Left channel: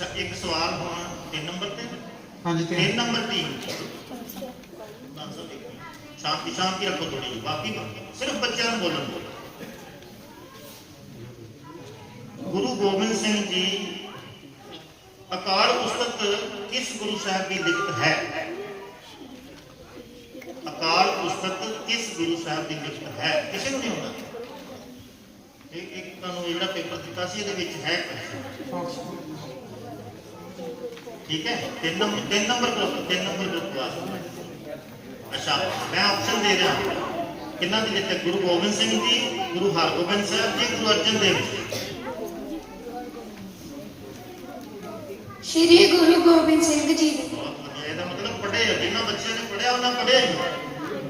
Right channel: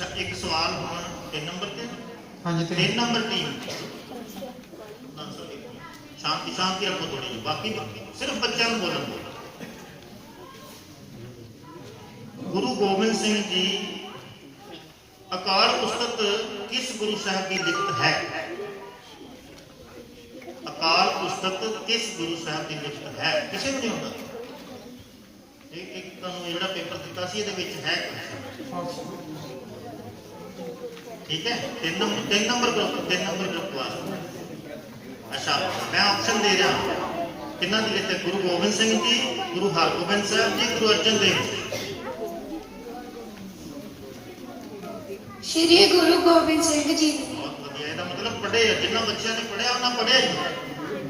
ਅੱਛਾ ਇੱਕ ਸਵਾਲ ਹੁਣ 3 ਨੰਬਰ ਤੇ? ਹਾਂਜੀ ਤੇ 3 ਨੰਬਰ ਟੀਮ ਸ਼ਾਂਤੀ ਸ਼ਾਂਤੀ ਰੱਖੋ ਥੋੜੀ ਜਿਹੀ ਬਾਕੀ ਸਿਰਫ ਬੱਚਿਆਂ ਨੂੰ ਬੋਲਣ ਦਿਓ। ਗੁਰੂ ਗੋਬਿੰਦ ਸਿੰਘ ਜੀ ਅਕਾਲ ਉਸਤਤ ਕਿਸ ਗੁਰੂ ਸਾਹਿਬ ਦੀ ਲਿਖਤ ਹੈ? ਅਕਾਲ ਉਸਤਤ ਕਿਸ ਗੁਰੂ ਸਾਹਿਬ ਦੀ ਲਿਖਤ ਹੈ? ਕਿਸੇ ਨੂੰ ਨਹੀਂ ਹੁੰਦਾ ਇੱਕ ਇੱਕ ਤੁਹਾਨੂੰ ਜਿਹੜਾ ਪੇਪਰ ਦਿੱਤਾ ਸੀ ਇਹਦੇ ਵਿੱਚ ਹੈ ਕੁਛ। ਠੀਕ ਹੈ? ਤਿੰਨ ਨੰਬਰ ਤਿੰਨ ਨੰਬਰ ਗਰੁੱਪ ਤਿੰਨ ਨੰਬਰ ਗਰੁੱਪ ਵਾਸਤੇ ਅੱਛਾ ਮੈਂ ਆਪਸ਼ਨ ਦੇ ਰਿਹਾ। ਹਾਂ। ਕਿਹਨਾਂ ਦੀ ਲਿਖਤ ਹੈ ਗੁਰੂ ਗੋਬਿੰਦ ਸਿੰਘ ਜੀ ਗੁਰੂ ਹਰਗੋਬਿੰਦ ਸਾਹਿਬ ਜੀ ਗੁਰੂ ਅਰਜਨ ਦੇਵ ਜੀ? ਸ਼੍ਰੀ ਗੁਰੂ ਗੋਬਿੰਦ ਸਿੰਘ ਜੀ। ਬਹੁਤ ਵਧੀਆ ਇਹਦਾ ਮਤਲਬ ਪੜ੍ਹੇ ਜਿਨ੍ਹਾਂ ਬੱਚਿਆਂ ਨੇ ਪੜ੍ਹਿਆ ਉਹਨਾਂ ਪੜ੍ਹੇ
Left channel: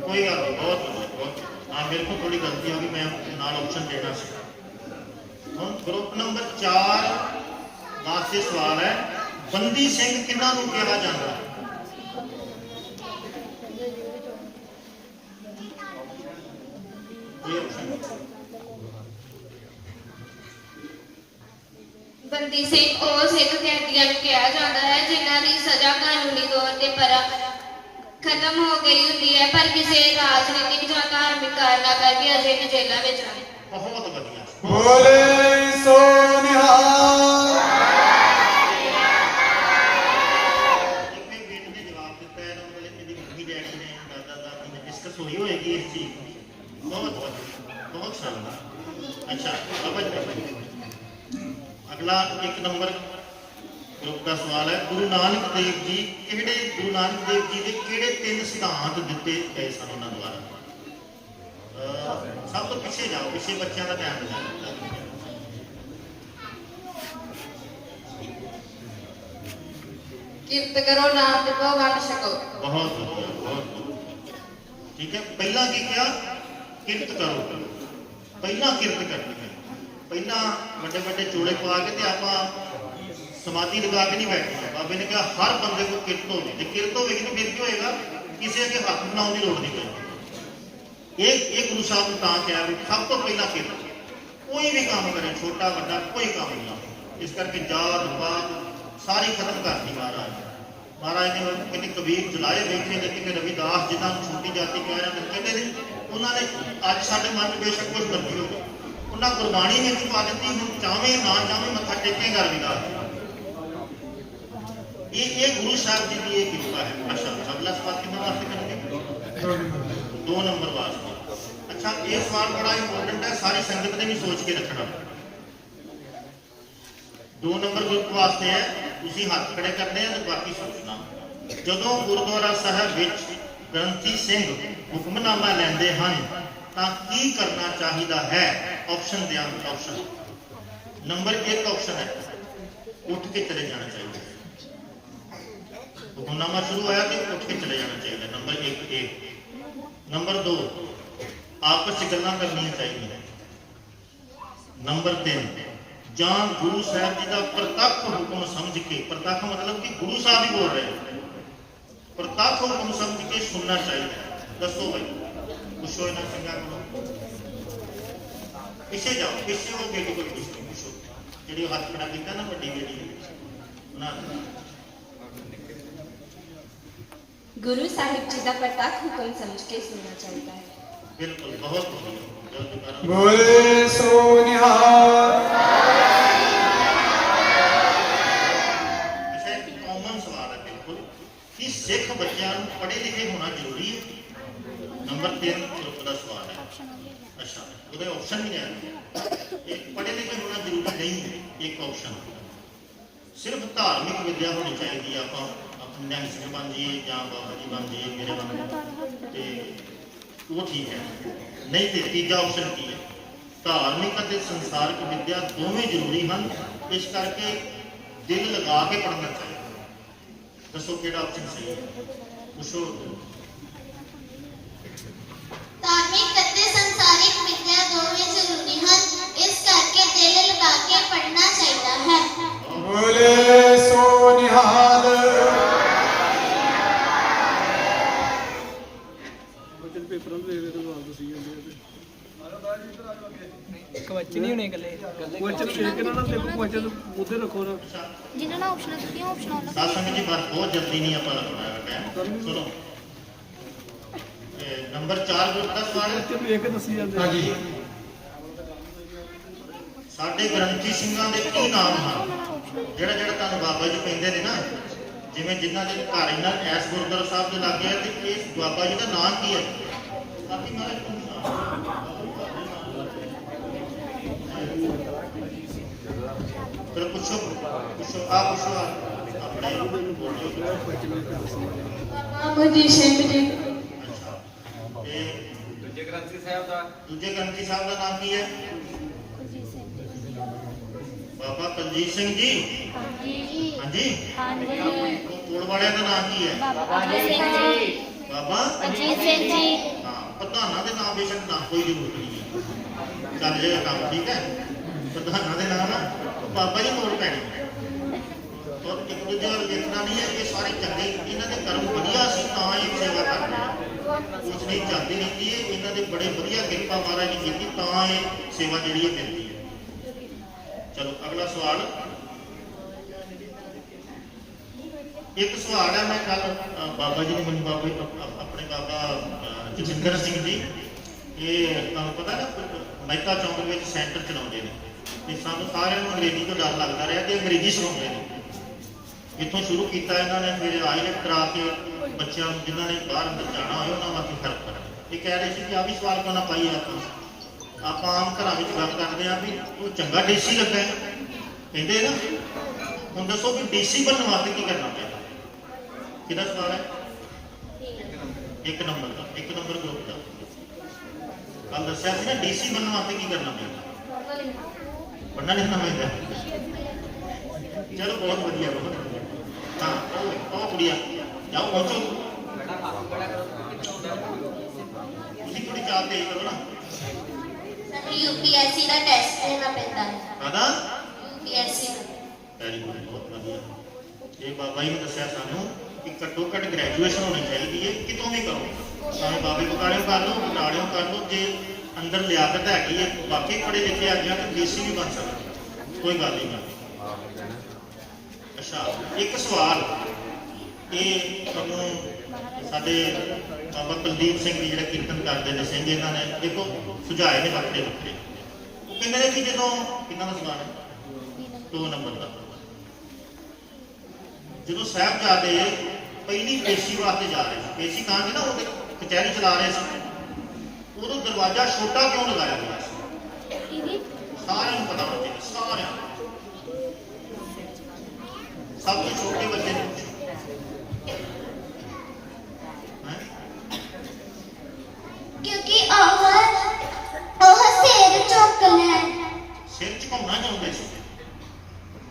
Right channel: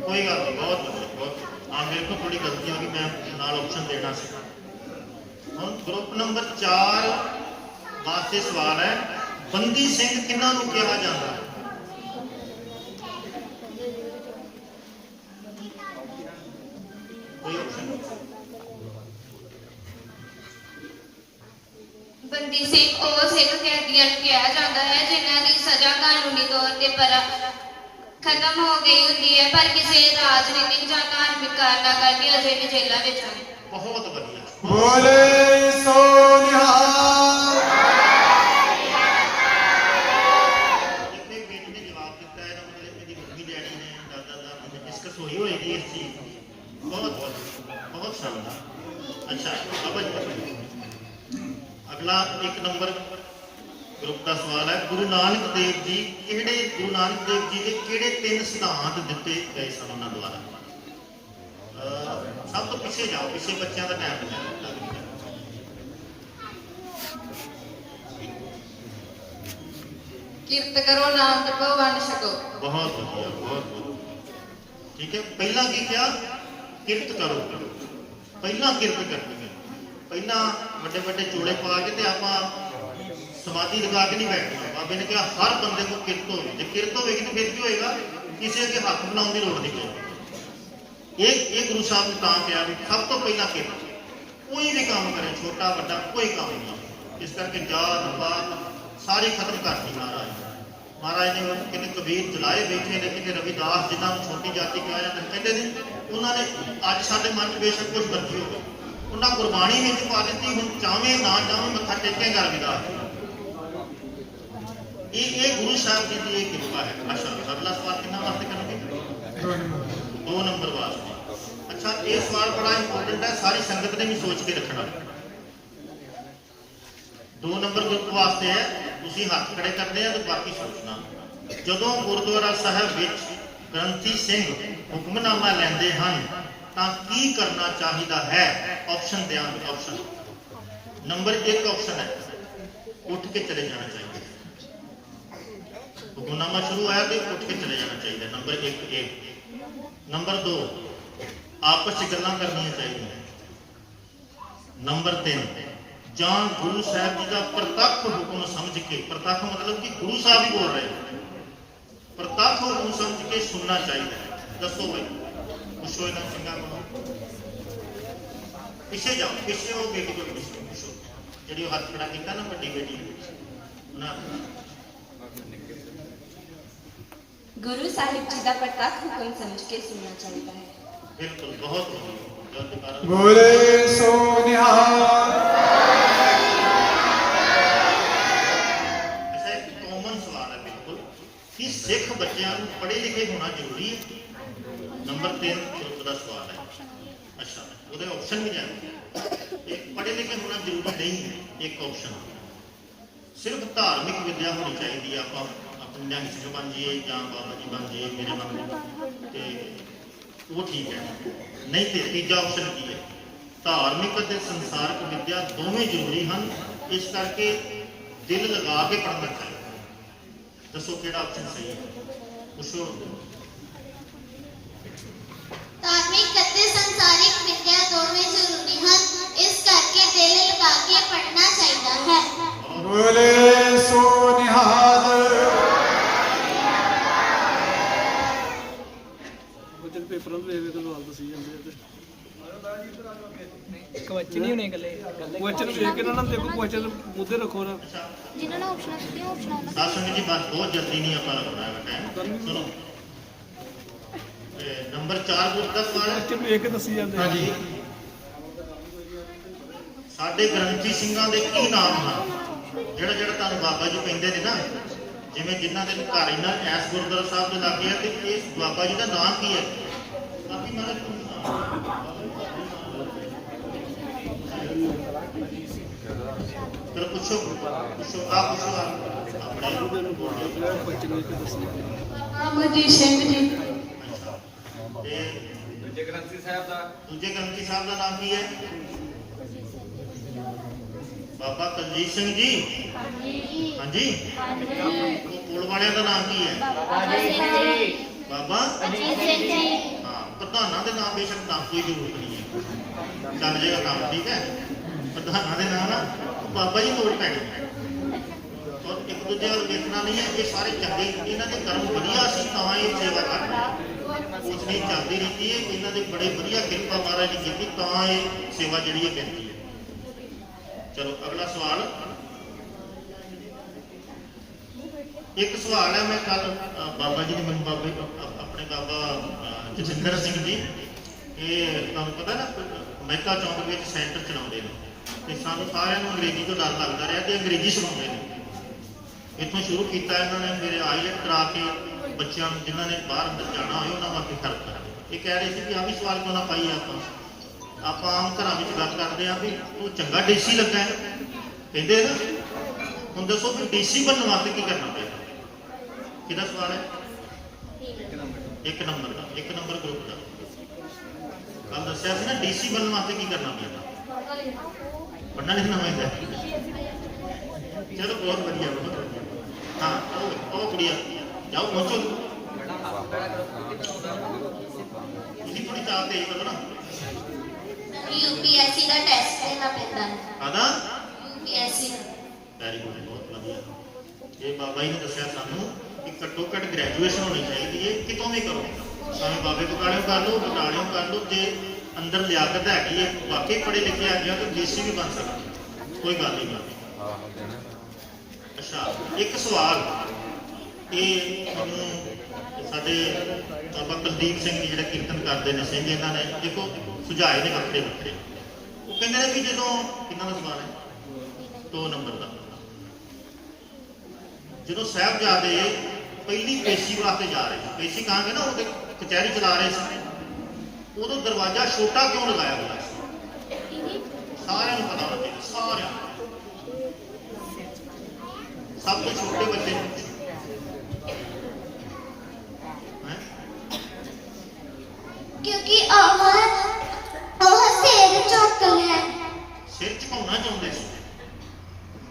ਕੋਈ ਗੱਲ ਨਹੀਂ ਬਹੁਤ ਵਧੀਆ ਬਹੁਤ ਹਾਂ ਮੇਰੇ ਕੋਲ ਥੋੜੀ ਗਲਤੀ ਹੋ ਗਈ ਮੈਂ ਨਾਲ ਆਪਸ਼ਨ ਦੇਣਾ ਸੀ। ਹੁਣ ਗਰੁੱਪ ਨੰਬਰ 4 ਵਾਸਤੇ ਸਵਾਲ ਹੈ। ਬੰਦੀ ਸਿੰਘ ਕਿਹਨਾਂ ਨੂੰ ਕਿਹਾ ਜਾਂਦਾ। ਬੰਦੀ ਸਿੰਘ ਉਹ ਸਿੱਖ ਕੈਦੀਆਂ ਨੂੰ ਕਿਹਾ ਜਾਂਦਾ ਹੈ ਜਿਨ੍ਹਾਂ ਦੀ ਸਜ਼ਾ ਕਾਨੂੰਨੀ ਤੌਰ ਤੇ ਪਰ ਖਤਮ ਹੋ ਗਈ ਹੁੰਦੀ ਹੈ ਪਰ ਕਿਸੇ ਰਾਜਨੀਤਿਕ ਜਾਂ ਧਾਰਮਿਕ ਕਾਰਨਾਂ ਕਰਕੇ ਅਜੇ ਵੀ ਜੇਲ੍ਹਾਂ ਵਿੱਚ ਹਨ ਬਹੁਤ ਵਧੀਆ ਬੋਲੇ ਸੋ ਇੱਕ ਨੰਬਰ ਗਰੁੱਪ ਦਾ ਸਵਾਲ ਹੈ। ਗੁਰੂ ਨਾਨਕ ਦੇਵ ਜੀ ਕਿਹੜੇ ਗੁਰੂ ਨਾਨਕ ਦੇਵ ਜੀ ਦੇ ਕਿਹੜੇ ਤਿੰਨ ਸਿਧਾਂਤ ਦਿੱਤੇ ਗਏ ਸਨ ਉਹਨਾਂ ਦੁਆਰਾ? ਸਭ ਤੋਂ ਪਿੱਛੇ ਜਾਓ ਪਿੱਛੇ ਬੱਚਿਆਂ ਦਾ ਧਿਆਨ ਦੇਣਾ ਕਿਰਤ ਕਰੋ ਨਾਮ ਜਪੋ ਵੰਡ ਛਕੋ। ਬਹੁਤ ਬਹੁਤ। ਠੀਕ ਹੈ? ਪਹਿਲਾਂ ਕੀ ਕਿਹਾ? ਕਿਰਤ ਕਰੋ। ਪਹਿਲਾਂ ਕਿਰਤ ਕਰਨੀ ਹੈ। ਪਹਿਲਾਂ ਵੱਡੇ ਵੱਡੇ ਚੂੜੇ ਪਾ ਕੇ ਤੇ ਆਪਾਂ ਸਮਾਧੀ ਲਗਾ ਕੇ ਨਹੀਂ ਬੈਠਣਾ। ਬਾਬੇ ਨੇ ਕਿਹਾ, ਹਰ ਬੰਦੇ ਕੋਲ ਕਿਰਤ ਹੋਵੇ। ਜੇ ਕਿਰਤ ਹੋਵੇਗੀ ਤਾਂ ਫਿਰ ਕੀ ਹੋਏਗਾ? ਕਿਸੇ ਅੱਗੇ ਹੱਥ ਬਣਾਉਣ ਦੀ ਲੋੜ ਨਹੀਂ ਪਏਗੀ ਇਹ ਇਹ ਗੁਰੂ ਸਾਹਿਬ ਨੂੰ ਤਾਂ ਕਿਹਾ ਵੀ ਸਭ ਤੋਂ ਪਹਿਲਾਂ ਕਿਰਤ। ਕੋਈ ਵੀ ਕੰਮ ਕਰੇ, ਛੋਟਾ, ਵੱਡਾ, ਕੋਈ ਕੰਮ ਨਹੀਂ। ਇਸ ਕਰਕੇ ਜਾਤ, ਪਾਤ ਸਾਰੀ ਖਤਮ ਕਰਤੀ ਮਹਾਰਾਜ ਮਹਾਰਾਜ ਨੇ ਕਿਤੇ ਕਬੀਰ ਜਲਾਏ ਵੇਖੇ ਨੇ ਕਿ ਰਵਿਦਾਸ ਜਿਨ੍ਹਾਂ ਨੂੰ ਛੋਟੀ ਜਾਤੀ ਕਿਹਾ ਜਾਂਦਾ। ਕਹਿੰਦੇ ਨੇ, ਉਹਨਾਂ ਨੇ ਅੱਜ ਸਾਡੇ ਮਨ 'ਚ ਬੇਸ਼ੱਕ ਕੁਝ ਮਰਜ਼ੀ ਹੋਵੇ ਉਹਨਾਂ ਕੁਰਬਾਨੀ ਵਿੱਚ ਪਾ ਦਿੱਤੀ ਹੁਣ ਚਾਵੇਂ ਨਾ ਚਾਵੇਂ ਮੱਥਾ ਟੇਕੇਗਾ ਰਵਿਦਾਸ ਇਹ ਇਹ ਗੁਰੂ ਸਾਹਿਬ ਜੀ ਦੀ ਇਹ ਕਿਰਪਾ ਹੈ। ਅੱਛਾ ਅਗਲਾ ਸਵਾਲ ਕਿੰਨਾ ਵਾਸਤੇ ਕਰਨਗੇ? ਦੋ ਨੰਬਰ। ਦੋ ਨੰਬਰ ਵਾਸਤੇ ਅੱਛਾ ਇਹ ਸਵਾਲ ਬੜਾ ਇੰਪੋਰਟੈਂਟ ਹੈ ਸਾਰੀ ਸੰਗਤ ਨੇ ਵੀ ਸੋਚ ਕੇ ਰੱਖਣਾ। ਦੋ ਨੰਬਰ ਗਰੁੱਪ ਵਾਸਤੇ ਹੈ ਤੁਸੀਂ ਹੱਥ ਖੜੇ ਕਰਨੇ ਆ ਤੇ ਬਾਕੀ ਸੋਚਣਾ। ਜਦੋਂ ਗੁਰਦੁਆਰਾ ਸਾਹਿਬ ਵਿੱਚ ਗ੍ਰੰਥੀ ਸਿੰਘ ਹੁਕਮਨਾਮਾ ਲੈਂਦੇ ਹਨ ਤਾਂ ਕੀ ਕਰਨਾ ਚਾਹੀਦਾ ਹੈ? ਆਪਸ਼ਨ ਦਿਆਂਗੇ ਆਪਸ਼ਨ ਨੰਬਰ 1 ਆਪਸ਼ਨ ਹੈ, ਉੱਠ ਕੇ ਚਲੇ ਜਾਣਾ ਚਾਹੀਦਾ। ਹੁਕਮਨਾਮਾ ਸ਼ੁਰੂ ਹੋਇਆ ਤੇ ਉੱਠ ਕੇ ਚਲੇ ਜਾਣਾ ਚਾਹੀਦਾ। ਨੰਬਰ 1 ਇਹ ਨੰਬਰ 2 ਆਪਸ ਵਿੱਚ ਗੱਲਾਂ ਕਰਨੀਆਂ ਚਾਹੀਦੀਆਂ। ਨੰਬਰ 3 ਜਾਂ ਗੁਰੂ ਸਾਹਿਬ ਜੀ ਦਾ ਪ੍ਰਤੱਖ ਹੁਕਮ ਸਮਝ ਕੇ, ਪ੍ਰਤੱਖ ਮਤਲਬ ਕਿ ਗੁਰੂ ਸਾਹਿਬ ਹੀ ਬੋਲ ਰਹੇ ਨੇ। ਪ੍ਰਤੱਖ ਹੁਕਮ ਸਮਝ ਕੇ ਸੁਣਨਾ ਚਾਹੀਦਾ। ਦੱਸੋ ਬਈ ਪੁੱਛੋ ਇਹਨਾਂ ਸਿੰਘਾਂ ਨੂੰ ਪਿੱਛੇ ਜਾਓ ਪਿੱਛੇ ਉਹ ਬੇਟੀ ਕੋਲ ਪੁੱਛੋ ਪੁੱਛੋ ਜਿਹੜੀ ਉਹ ਹੱਥ ਖੜਾ ਕੀਤਾ ਨਾ ਵੱਡੀ ਬੇਟੀ ਨਾ ਗੁਰੂ ਸਾਹਿਬ ਜੀ ਦਾ ਪ੍ਰਤੱਖ ਹੁਕਮ ਸਮਝ ਕੇ ਸੁਣਨਾ ਚਾਹੀਦਾ ਹੈ ਬਿਲਕੁਲ ਬਹੁਤ ਵਧੀਆ ਬਹੁਤ ਕਾਰਨ ਬੋਲੇ ਸੋ ਨਿਹਾਲ ਅੱਛਾ ਇੱਕ ਕਾਮਨ ਸਵਾਲ ਹੈ ਬਿਲਕੁਲ ਕਿ ਸਿੱਖ ਬੱਚਿਆਂ ਨੂੰ ਪੜ੍ਹੇ ਲਿਖੇ ਹੋਣਾ ਜ਼ਰੂਰੀ ਹੈ ਨੰਬਰ 3 ਗਰੁੱਪ ਦਾ ਸਵਾਲ ਹੈ। ਅੱਛਾ, ਉਹਦੇ ਆਪਸ਼ਨ ਵੀ ਹੈ ਇਹ ਪੜ੍ਹੇ ਲਿਖੇ ਹੋਣਾ ਜ਼ਰੂਰੀ ਨਹੀਂ ਹੈ, ਇੱਕ ਆਪਸ਼ਨ ਸਿਰਫ ਧਾਰਮਿਕ ਵਿਦਿਆ ਹੋਣੀ ਚਾਹੀਦੀ ਹੈ, ਆਪਾਂ ਆਪਣੇ ਜੰਗ ਸਿੰਘ ਬਣ ਜਾਈਏ ਜਾਂ ਬਾਬਾ ਜੀ ਬਣ ਜਾਈਏ, ਮੇਰੇ ਬਣ ਵਾਂਗੂ ਤੇ ਉਹ ਠੀਕ ਹੈ। ਨਹੀਂ ਤੇ ਤੀਜਾ ਆਪਸ਼ਨ ਕੀ ਹੈ? ਧਾਰਮਿਕ ਅਤੇ ਸੰਸਾਰਿਕ ਵਿਦਿਆ ਦੋਵੇਂ ਜ਼ਰੂਰੀ ਹਨ, ਇਸ ਕਰਕੇ ਦਿਲ ਲਗਾ ਕੇ ਪੜ੍ਹਨਾ ਚਾਹੀਦਾ ਦੱਸੋ ਕਿਹੜਾ ਆਪਸ਼ਨ ਸਹੀ ਹੈ? ਦੱਸੋ ਧਾਰਮਿਕ ਅਤੇ ਸੰਸਾਰਿਕ ਵਿਦਿਆ ਦੋਵੇਂ ਜ਼ਰੂਰੀ ਹਨ। ਇਸ ਕਰਕੇ ਦਿਲ ਲਗਾ ਕੇ ਪੜ੍ਹਨਾ ਚਾਹੀਦਾ ਹੈ। ਬੋਲੇ ਸੋ ਨਿਹਾਲ ਪੇਪਰ ਦੇ ਵੇ ਤਾਂ ਵਾਪਸ ਹੀ ਜਾਂਦੇ ਆ ਤੇ। ਕੁਐਸਚਨ ਹੀ ਹੋਣੇ ਗੱਲੇ ਕੁਐਸਚਨ ਇਹ ਕਿਹਨਾਂ ਨਾਲ ਦੇਖੋ ਕੁਐਸਚਨ ਮੁੱਦੇ ਰੱਖੋ ਨਾ। ਜਿਨ੍ਹਾਂ ਨਾਲ ਆਪਸ਼ਨਾਂ ਦਿੱਤੀਆਂ ਆਪਸ਼ਨਾਂ ਉਹਨਾਂ ਸਾਧ ਸੰਗਤ ਜੀ ਬਸ ਬਹੁਤ ਜਲਦੀ ਨਹੀਂ ਆਪਾਂ ਟਾਈਮ ਸੁਣੋ ਇਹ ਨੰਬਰ 4 ਗੁਰ ਤੱਕ ਸਾਰੇ ਚੁੱਪ ਇੱਕ ਦੱਸੀ ਜਾਂਦੇ ਹਾਂਜੀ। ਸਾਡੇ ਗ੍ਰੰਥੀ ਸਿੰਘਾਂ ਦੇ ਕੀ ਨਾਮ ਹਨ ਜਿਹੜਾ ਜਿਹੜਾ ਤੁਹਾਨੂੰ ਬਾਬਾ ਜੀ ਕਹਿੰਦੇ ਨੇ ਨਾ ਜਿਵੇਂ ਜਿਨ੍ਹਾਂ ਦੇ ਘਰ ਇਹਨਾਂ ਐਸ ਗੁਰਦੁਆਰਾ ਸਾਹਿਬ ਦੇ ਲੱਗੇ ਆ ਕਿ ਇਸ ਬਾਬਾ ਜੀ ਦਾ ਨਾਮ ਕੀ ਹੈ? ਬਾਕੀ ਮਾਰੇ ਫਿਰ ਪੁੱਛੋ ਪੁੱਛੋ ਆ ਪੁੱਛੋ ਆਪਣੇ ਅਮਰਜੀਤ ਸਿੰਘ ਜੀ ਇਹ ਦੂਜੇ ਗ੍ਰੰਥੀ ਸਾਹਿਬ ਦਾ ਦੂਜੇ ਗ੍ਰੰਥੀ ਸਾਹਿਬ ਦਾ ਨਾਮ ਕੀ ਹੈ? ਬਾਬਾ ਕਲਜੀਤ ਸਿੰਘ ਜੀ। ਹਾਂਜੀ। ਉਹ ਕੋਲ ਵਾਲਿਆਂ ਦਾ ਨਾਮ ਕੀ ਹੈ? ਬਾਬਾ ਅਜੀਤ ਸਿੰਘ ਜੀ। ਹਾਂ ਪ੍ਰਧਾਨਾਂ ਦੇ ਨਾਮ ਬੇਸ਼ੱਕ ਨਾਮ ਕੋਈ ਜ਼ਰੂਰਤ ਨਹੀਂ ਹੈ। ਚੱਲ ਜਾਏਗਾ ਕੰਮ ਠੀਕ ਹੈ? ਪ੍ਰਧਾਨਾਂ ਦੇ ਨਾਮ ਬਾਬਾ ਜੀ ਕੋਲ ਪੈਣੇ ਔਰ ਇੱਕ ਦੂਜੇ ਨਾਲ ਨਹੀਂ ਹੈ ਇਹ ਸਾਰੇ ਚੰਗੇ ਇਹਨਾਂ ਦੇ ਕਰਮ ਵਧੀਆ ਸੀ ਤਾਂ ਇਹ ਸੇਵਾ ਕਰਦੇ ਚੱਲਦੀ ਰਹਿੰਦੀ ਹੈ ਇਹਨਾਂ ਦੇ ਬੜੇ ਵਧੀਆ ਕਿਰਪਾ ਮਹਾਰਾਜ ਨੇ ਕੀਤੀ ਤਾਂ ਇਹ ਸੇਵਾ ਜਿਹੜੀ ਹੈ ਮਿਲਦੀ ਹੈ। ਚਲੋ ਅਗਲਾ ਸਵਾਲ। ਇੱਕ ਸਵਾਲ ਹੈ ਮੈਂ ਕੱਲ ਬਾਬਾ ਜੀ ਨੇ ਮੈਨੂੰ ਬਾਬਾ ਜੀ ਆਪਣੇ ਬਾਬਾ ਅ, ਸਿੰਘ ਜੀ ਇਹ ਤੁਹਾਨੂੰ ਪਤਾ ਨਾ ਮਹਿਕਾ ਚੌਂਕ ਵਿੱਚ ਸੈਂਟਰ ਚਲਾਉਂਦੇ ਨੇ। ਤੇ ਸਾਨੂੰ ਸਾਰਿਆਂ ਨੂੰ ਅੰਗਰੇਜ਼ੀ ਤੋਂ ਡਰ ਲੱਗਦਾ ਰਿਹਾ ਤੇ ਅੰਗਰੇਜ਼ੀ ਸਿਖਾਉਂਦੇ ਨੇ। ਇੱਥੋਂ ਸ਼ੁਰੂ ਕੀਤਾ ਇਹਨਾਂ ਨੇ ਮੇਰੇ ਆਇਲਟ ਕਰਾ ਕੇ ਬੱਚਿਆਂ ਨੂੰ ਜਿਨ੍ਹਾਂ ਨੇ ਬਾਹਰ ਜਾਣਾ ਹੋਏ, ਉਹਨਾਂ ਵਾਸਤੇ ਫ਼ਰਕ ਕਰ ਇਹ ਕਹਿ ਰਹੇ ਸੀ ਕਿ ਆ ਵੀ ਸਵਾਲ ਕਿਉਂ ਨਾ ਪਾਈ ਆਪਾਂ? ਆਪਾਂ ਆਮ ਘਰਾਂ ਵਿੱਚ ਗੱਲ ਕਰਦੇ ਆ ਵੀ ਤੂੰ ਚੰਗਾ ਡੀਸੀ ਲੱਗਾ ਹੈ। ਕਹਿੰਦੇ ਨਾ, ਹੁਣ ਦੱਸੋ ਵੀ ਡੀਸੀ ਬਣਨ ਵਾਸਤੇ ਕੀ ਕਰਨਾ ਪਿਆ? ਕਿਹਦਾ ਸਵਾਲ ਹੈ? ਇੱਕ ਨੰਬਰ ਦਾ, ਇੱਕ ਨੰਬਰ ਗਰੁੱਪ ਦਾ। ਕੱਲ ਦੱਸਿਆ ਸੀ ਨਾ, ਡੀਸੀ ਬਣਨ ਵਾਸਤੇ ਕੀ ਕਰਨਾ ਪੈਂਦਾ ਪੜ੍ਹਨਾ ਲਿਖਣਾ ਪੈਂਦਾ ਚਲੋ, ਬਹੁਤ ਵਧੀਆ ਬਹੁਤ ਵਧੀਆ। ਹਾਂ, ਉਹ ਉਹ ਕੁੜੀਆ ਜਾਓ ਪਹੁੰਚੋ ਤੁਸੀਂ ਥੋੜੀ ਚਾਹ ਤੇ ਕਰੋ ਨਾ ਯੂਪੀਐਸਸੀ ਦਾ ਟੈਸਟ ਦੇਣਾ ਪੈਂਦਾ ਹੈ ਆਦਾ ਯੂਪੀਐਸਸੀ ਵੈਰੀ ਗੁੱਡ ਬਹੁਤ ਵਧੀਆ ਇਹ ਬਾਬਾ ਜੀ ਨੇ ਦੱਸਿਆ ਸਾਨੂੰ ਕਿ ਘੱਟੋ ਘੱਟ ਗ੍ਰੈਜੂਏਸ਼ਨ ਹੋਣੀ ਚਾਹੀਦੀ ਹੈ ਕਿਤੋਂ ਵੀ ਕਰੋ ਭਾਵੇਂ ਬਾਬੇ ਬਟਾਲਿਓਂ ਕਰ ਲਓ ਬਟਾਲਿਓਂ ਕਰ ਲਓ ਜੇ ਅੰਦਰ ਲਿਆਕਤ ਹੈਗੀ ਹੈ ਬਾਕੀ ਪੜ੍ਹੇ ਲਿਖੇ ਹੈਗੇ ਆ ਤਾਂ ਜੇਸੀ ਵੀ ਬਣ ਸਕਦੇ ਕੋਈ ਗੱਲ ਨਹੀਂ ਅੱਛਾ ਇੱਕ ਸਵਾਲ ਇਹ ਤੁਹਾਨੂੰ ਸਾਡੇ ਬਾਬਾ ਕੁਲਦੀਪ ਸਿੰਘ ਜੀ ਜਿਹੜੇ ਕੀਰਤਨ ਕਰਦੇ ਨੇ, ਸਿੰਘ ਇਹਨਾਂ ਨੇ ਦੇਖੋ ਸੁਝਾਏ ਨੇ ਬੱਚੇ ਦਿੱਤੇ। ਉਹ ਕਹਿੰਦੇ ਨੇ ਕਿ ਜਦੋਂ, ਕਿੰਨਾ ਦਾ ਸਵਾਲ ਹੈ? ਦੋ ਨੰਬਰ ਦਾ। ਜਦੋਂ ਸਾਹਿਬਜ਼ਾਦੇ ਪਹਿਲੀ ਪੇਸ਼ੀ ਵਾਸਤੇ ਜਾ ਰਹੇ ਸੀ, ਪੇਸ਼ੀ ਕਹਾਂਗੇ ਨਾ ਉਹਦੇ ਕਚਹਿਰੀ ਚਲਾ ਰਹੇ ਸੀ। ਉਦੋਂ ਦਰਵਾਜ਼ਾ ਛੋਟਾ ਕਿਉਂ ਲਗਾਇਆ ਗਿਆ? ਸੀ ਸਾਰਿਆਂ ਨੂੰ ਪਤਾ ਲੱਗਿਆ ਚਾਹੀਦਾ ਸਾਰਿਆਂ ਨੂੰ। ਸਭ ਤੋਂ ਛੋਟੇ ਬੱਚੇ ਨੂੰ ਹੈਂ? ਕਿਉਂਕਿ ਉਹ ਉਹ ਸਿਰ ਚੁੱਕ ਲੈ ਸਿਰ ਝੁਕਾਉਣਾ ਚਾਹੁੰਦੇ ਸੀ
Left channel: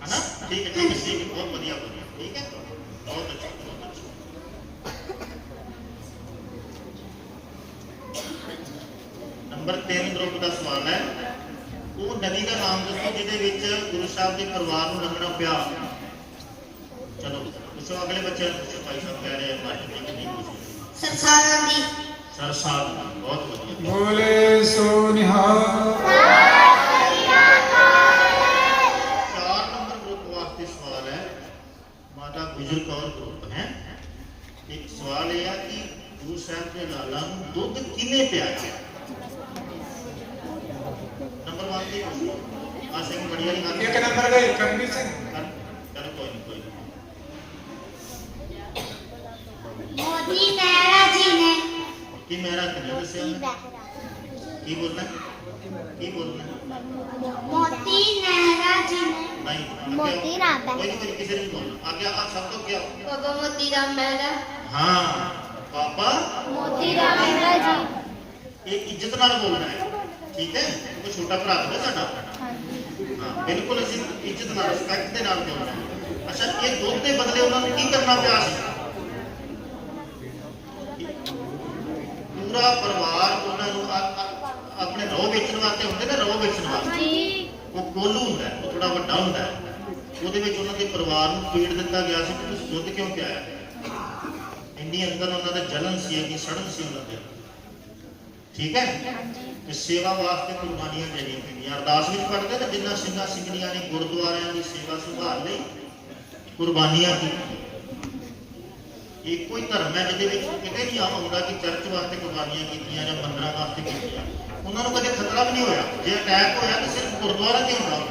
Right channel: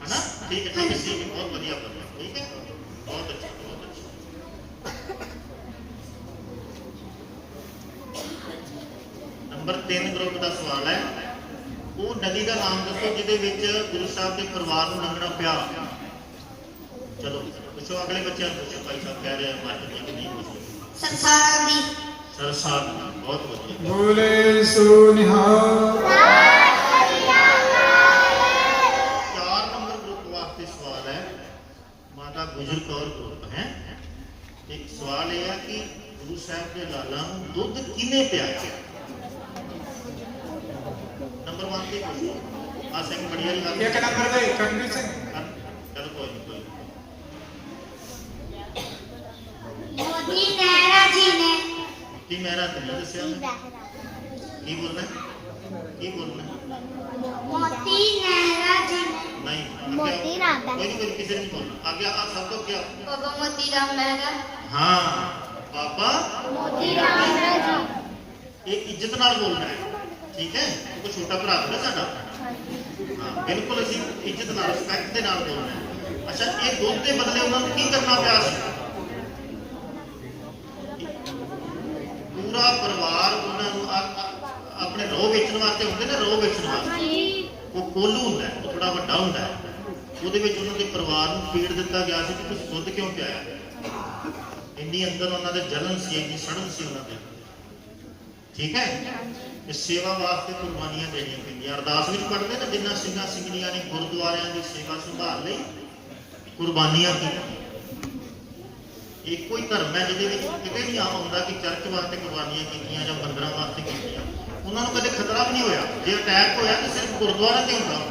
ਹਨਾ ਠੀਕ ਹੈ ਠੀਕ ਹੈ ਸੀ ਬਹੁਤ ਵਧੀਆ ਵਧੀਆ ਠੀਕ ਹੈ ਬਹੁਤ ਅੱਛਾ ਬਹੁਤ ਅੱਛਾ ਨੰਬਰ 3 ਗਰੁੱਪ ਦਾ ਸਵਾਲ ਹੈ। ਉਹ ਨਦੀ ਦਾ ਨਾਮ ਦੱਸੋ ਜਿਹਦੇ ਵਿੱਚ ਗੁਰੂ ਸਾਹਿਬ ਦੇ ਪਰਿਵਾਰ ਨੂੰ ਮੰਨਣਾ ਪਿਆ। ਚਲੋ ਪੁੱਛੋ ਅਗਲੇ ਬੱਚੇ ਨੂੰ ਪੁੱਛੋ ਭਾਈ ਸਾਹਿਬ ਕਹਿ ਰਹੇ ਆ ਬਾਕੀ ਕੋਈ ਨਹੀਂ ਪੁੱਛੋ ਸੰਸਾਰਾਂ ਦੀ ਸਰ ਸਾਹਿਬ ਬਹੁਤ ਵਧੀਆ। ਬੋਲੇ ਸੋ ਨਿਹਾਲ ਚਾਰ ਨੰਬਰ ਗਰੁੱਪ ਵਾਸਤੇ ਸਵਾਲ ਹੈ। ਮਾਤਾ ਗੁਜਰ ਕੌਰ ਗਰੁੱਪ ਹੈ। ਇੱਕ ਸਵਾਲ ਇਹ ਹੈ ਕਿ ਗੁਰੂ ਸਾਹਿਬ ਦੇ ਲਾਲਾਂ ਨੂੰ ਦੁੱਧ ਕਿਵੇਂ ਪਿਆਇਆ ਨੰਬਰ 1 ਤੇ ਪੁੱਛੋ ਆ ਸਿੰਘ ਬੜੀ ਵਾਲੀ ਗੱਲ ਇੱਕ ਨੰਬਰ ਦੇ ਕਰਨਵੀਰ ਸਿੰਘ। ਮੋਦੀ ਨਹਿਰਾ ਜੀ ਨੇ ਕੀ ਮੇਰਾ ਤੁਹਾਨੂੰ ਦੱਸਿਆ ਕੀ ਬੋਲਣਾ ਕੀ ਬੋਲਣਾ ਮੋਦੀ ਨਹਿਰਾ ਜੀ ਨੇ ਨਹੀਂ ਮੋਤੀ ਰਾਮ ਨਹੀਂ ਕਿਸੇ ਨੇ ਬੋਲਣਾ ਅੱਗੇ ਆ ਸਭ ਤੋਂ ਕਿਹਾ ਬਾਬਾ ਮੋਤੀ ਰਾਮ ਮਹਿਰਾ ਹਾਂ ਬਾਬਾ ਮੋਦੀ ਰਾਮ ਮਹਿਰਾ ਜੀ ਇਹ ਇੱਜ਼ਤ ਨਾਲ ਬੋਲਣਾ ਹੈ ਠੀਕ ਹੈ ਉਹ ਛੋਟਾ ਭਰਾ ਹੈ ਨਾ ਸਾਡਾ ਬਿਲਕੁਲ ਅਸੀਂ ਇੱਜ਼ਤ ਨਾਲ ਰਿਸਪੈਕਟ ਦੇ ਨਾਲ ਬੋਲਣਾ ਹੈ। ਅੱਛਾ ਇਹ ਦੁੱਧ ਦੇ ਬਦਲੇ ਉਹਨਾਂ ਨੂੰ ਕੀ ਕਰਨਾ ਪਿਆ ਸੀ? ਪੂਰਾ ਪਰਿਵਾਰ ਉਹਨਾਂ ਨੂੰ ਆਪਣੇ ਰੋਹ ਵੇਚਣ ਵਾਸਤੇ ਹੁੰਦੇ ਨੇ ਰੋਹ ਵੇਚਣ ਵਾਸਤੇ? ਜੀ ਉਹ ਕੋਲੂ ਹੁੰਦਾ ਹੈ, ਉਹ ਥੋੜਾ ਵੱਡਾ ਹੁੰਦਾ ਹੈ। ਉਹਦੇ ਵਿੱਚ ਉਹਨਾਂ ਦੇ ਪਰਿਵਾਰ ਨੂੰ ਫੀਡ ਦਿੱਤਾ ਗਿਆ ਸੀ ਕਿ ਤੁਸੀਂ ਦੁੱਧ ਕਿਉਂ ਪਿਆਇਆ? ਇੰਨੀ ਅੰਦਰ ਉਹਨਾਂ ਦੇ ਜਲਨ ਸੀ ਇੰਨੀ ਸੜਨ ਸੀ ਉਹਨਾਂ ਦੇ। ਠੀਕ ਹੈ? ਕਿ ਸੇਵਾ ਵਾਸਤੇ ਕੁਰਬਾਨੀਆਂ ਦੇਣੀਆਂ ਪੈਂਦੀਆਂ। ਅਰਦਾਸ ਵਿੱਚ ਕਰਦੇ ਨੇ, ਜਿੰਨਾ ਸਿੰਘਾਂ ਸਿੰਘਣੀਆਂ ਨੇ, ਗੁਰਦੁਆਰਿਆਂ ਦੀ ਸੇਵਾ ਸੁਧਾਰ ਲਈ ਕੁਰਬਾਨੀਆਂ ਕੀਤੀਆਂ ਇੱਕੋ ਹੀ ਧਰਮ ਹੈ ਜਿਹਦੇ ਵਿੱਚ ਕਿਤੇ ਨਹੀਂ ਆਉਂਦਾ ਕਿ ਚਰਚ ਵਾਸਤੇ ਕੁਰਬਾਨੀਆਂ ਕੀਤੀਆਂ ਜਾਂ ਮੰਦਰਾਂ ਵਾਸਤੇ ਕੀਤੀਆਂ। ਉਹਨਾਂ ਨੂੰ ਕਦੇ ਖਤਰਾ ਵੀ ਨਹੀਂ ਹੋਇਆ। ਜੇ ਅਟੈਕ ਹੋਇਆ ਤਾਂ ਸਿਰਫ ਗੁਰਦੁਆਰਾ ਤੇ ਹੁੰਦਾ।